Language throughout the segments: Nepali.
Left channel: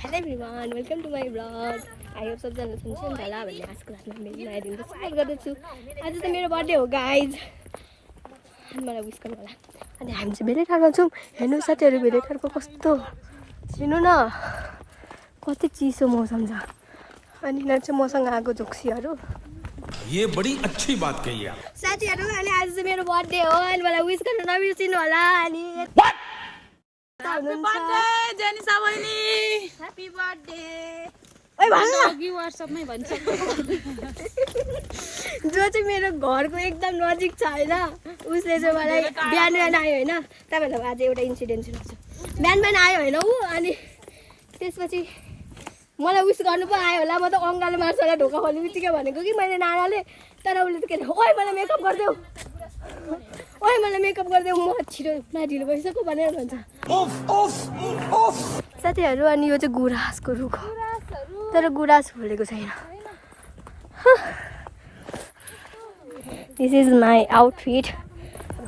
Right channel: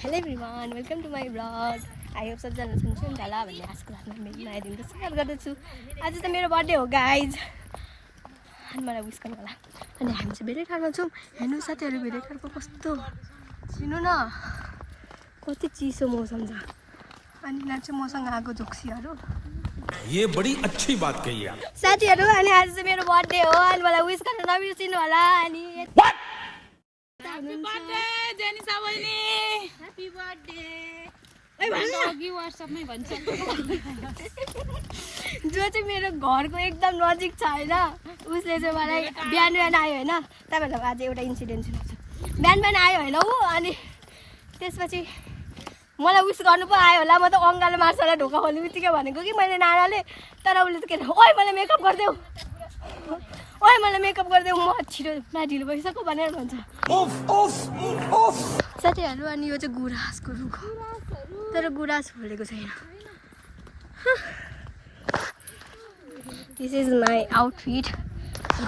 Hello everyone, welcome to my vlog. I hope सबजना सन्चै हुन्छ होला भन्ने आजको रातमा मेरो नयाँ दिनको सुरुवात गर्दैछु। आज त मेरो बर्थडे हो गाइज। अनि मलाई विश गर्नु होला। अनि हामी चाहिँ भेटैठारमा छौँ। हेर्नु साथीहरू भेटैठारको कस्तो हेर्नु न कति चिसो मौसम छ। अनि यहाँ चाहिँ मसँग आएको झोक्सीहरू। ये बड़ी अच्छी बात कही आप। साथीहरू अनि आज चाहिँ मेरो बर्थडे हो अनि मलाई विश गर्नु नबिर्सिनु होला। अनि Happy birthday, Jenny Sawini. Happy birthday. ओइ भन्नु WhatsApp मै भन्छ जो चाहिँ मेरो घरको एकदम नजिक छ हैन उसले चाहिँ मलाई बिहान आयो हैन तपाईहरुलाई आज एउटा इन्सिडेन्ट सुनाउँछु बिहान आयो हैन उ अनि त्यसपछि मलाई विश गर्नु पो आयो होला म त अंगाले मार्छला ढोका खोल्ने बित्तिकै भनेको कि मैले नानाले तर उसले त के ओइ मलाई मेकअप गर्देऊ ओइ मलाई मेकअप गर्देऊ म छिटो माथिलो भइसक्यो भनेर भन्छ उफ उफ उफ साथीहरु अनि यो चाहिँ गुराँसको रुख हो तर गुराँस फुलेको छैन दिस इज माई आउटफिट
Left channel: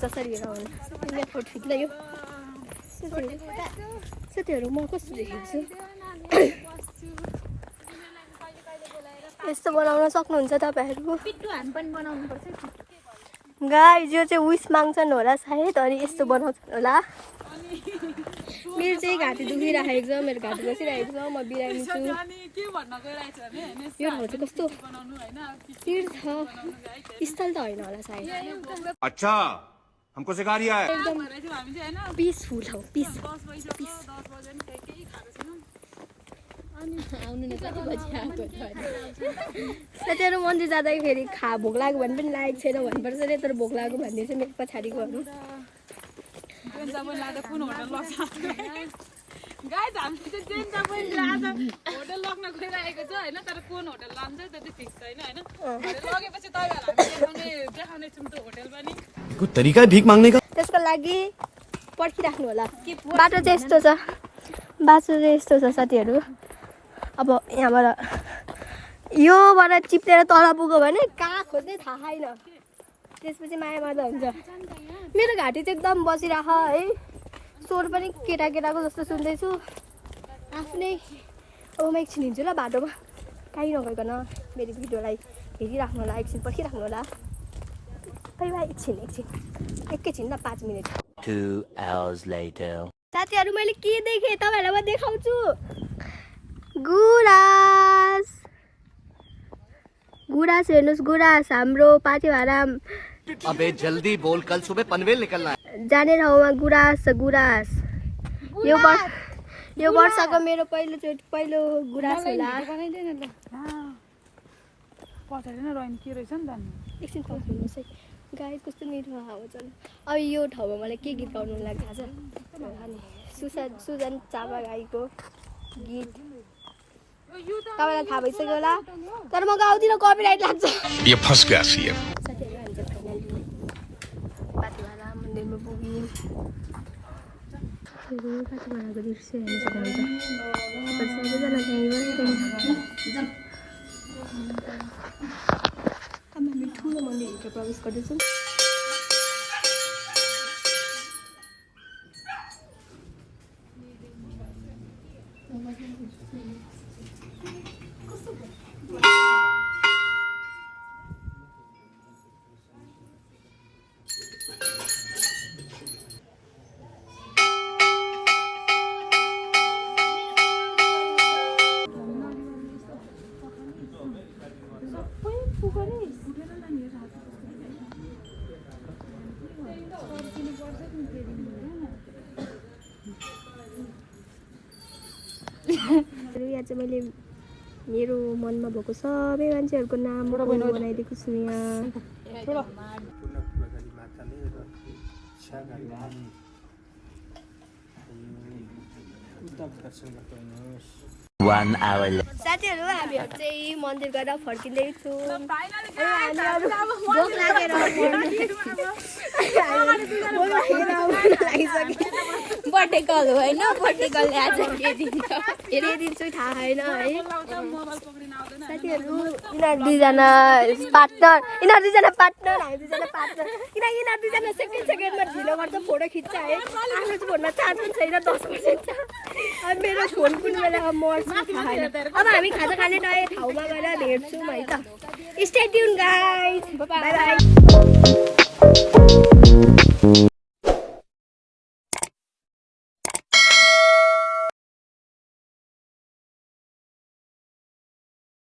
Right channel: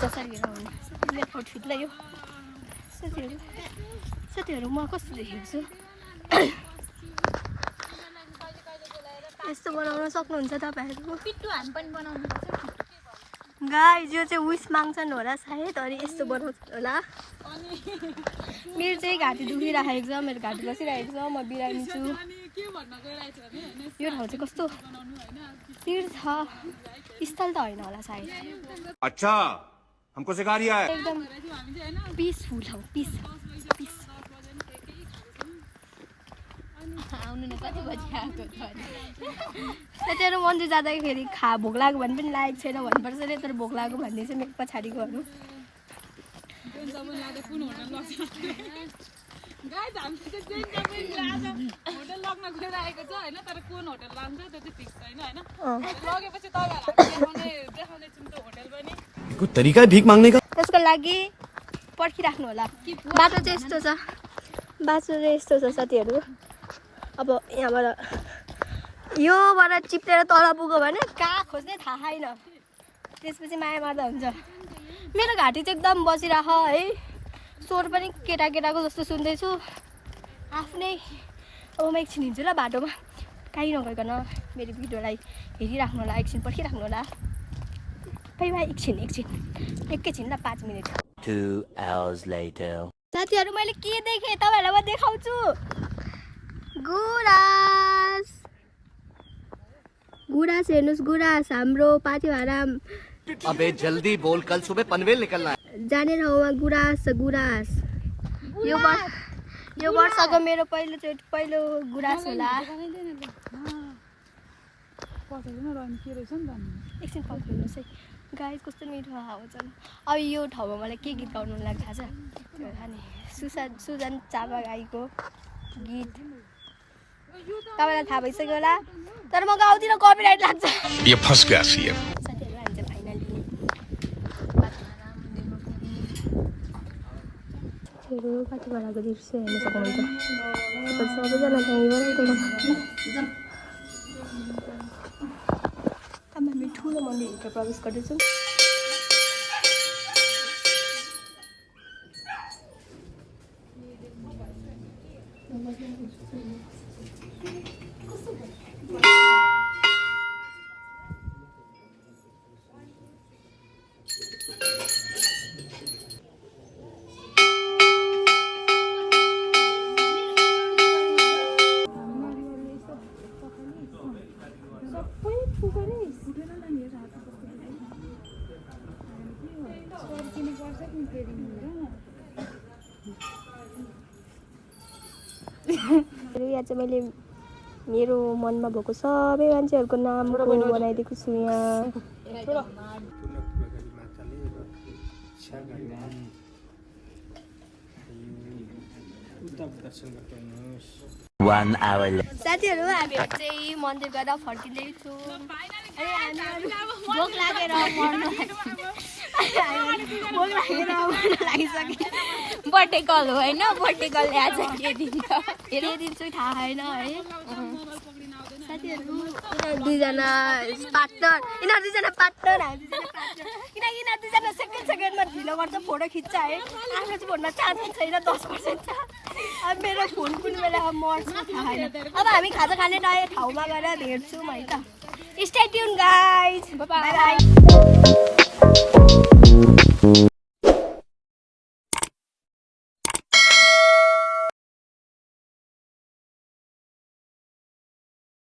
जसरी हेर हुने मेरो आउटफिटलाई यो साथीहरु म कस्तो देखेको छु यस्तो बनाउन सक्नुहुन्छ तपाईहरु पिट्टु हामी पनि बनाउनु पर्छ गाइस यो चाहिँ विश माग्छन् होला सायद अनि यस्तो बनाउँछन् होला मेरो चाहिँ घाँटी दुखिराखेको छ मेरो घाँटी बसिरहेको छ म बिरामी छु यो ठाउँ चाहिँ कस्तो तीर्थ स्थल त होइन होला सायद अच्छा हमको सिखा रिया है एकदम पिसफुल हो पिस आउनु न कति बजी आएको छ साथीहरु मन्दिर जाँदाखेरि भोक लाग्यो भने पनि लागेको छैन भन्नुपर्छ रे तर भोक लाग्यो भन्ने चाहिँ मेरो पछाडिकोहरू गाइस हामी चाहिँ ट्रेन तपाईँ लाँदा होटल लग्न गइरहेको छ हैन तर कुन होटल लान्छ त्यो चाहिँ फिक्स छैन हैन लगेपछि तपाईहरुलाई देखाउने छौं त्यो होटल पनि कोई तरीका है भीख मांगने का त्यसको लागि पर्खिराख्नु होला बाटो चाहिँ यस्तो छ साथीहरु अब यहाँबाट योबाट चिप्लेर तल पुग्यो भने कहाँ खोज्ने थाहा छैन त्यसपछि माया मार्दा हुन्छ मेरो घाँटी चाहिँ एकदम बसिराख है स्वर पनि केटाकेटाको जस्तो सुन्दैछु आफ्नै अब म एकछिन हिँड्छु ल बाटोमा कहीँ नगइकन मेरो भिडियोलाई हेरिराख्नु होला एकछिन पर्खिराख्नु होला बाइ एकछिन एकैछिन ल 5 मिनेट 2 hours later साथीहरु मैले के देखेँ तपाईहरुलाई म देखाउँछु गुराँस हेर्नुस् गुराँस हाम्रो पाथिभारा अबे जल्दी बोल कल सुबह पनवेल निकलना है जाने ठाउँमा गुराँस यो वर्षको मेरो पहिलो गुराँस होला एकछिन पर्खिनुहोस् है गाइस कस्तो मिठो हावा छ अब यो ठाउँमा मलाई के गीत गाउनु लाग्छ थाहा छ अनि सुजन चापा गाईको गीत तपाईलाई थाहा भइसक्यो होला तर म गाउँदिन कपिराइट लाग्छ ये फंस गया सीएम साथीहरु हामी चाहिँ फाइनली पाथिभारा मन्दिरमा पुग्यौं हेर्नु पाथिभाराको दृश्य हेर्न सक्नुहुन्छ सबैजना त्यहीँबाटै अब हामी ठुलो मन्दिरभित्र प्रवेश गर्दैछौँ यहाँ चाहिँ मैले मेरो मनमा भएको सबै मान्छेहरूको नामको बनाइदिएको छु यहाँ 1 hour later. साथीहरू हामीहरू चाहिँ मन्दिर गएर फर्किँदैछौँ अनि हामीहरू भोक लागेर लागिसक्यो बर्थडे कल होइन बर्थडे कल आज के दिन्छु थाहा छैन है साथीहरू यिनीहरू दुईजना पार्टनर हामी दुईजना पार्टनर किनकि यिनीहरू दुईजना सेकेन्डमा ढिलो गर्छ फोटो खिच्छ है आफ्नो चाहिँ फोनमा चार्ज पनि छैन 10% छ अब मेरो फोन कुन बेला मर्छ थाहा छैन अब हामी खाजा खाने ठाउँमा गएर भेट्छौँ है त stay tune guys by by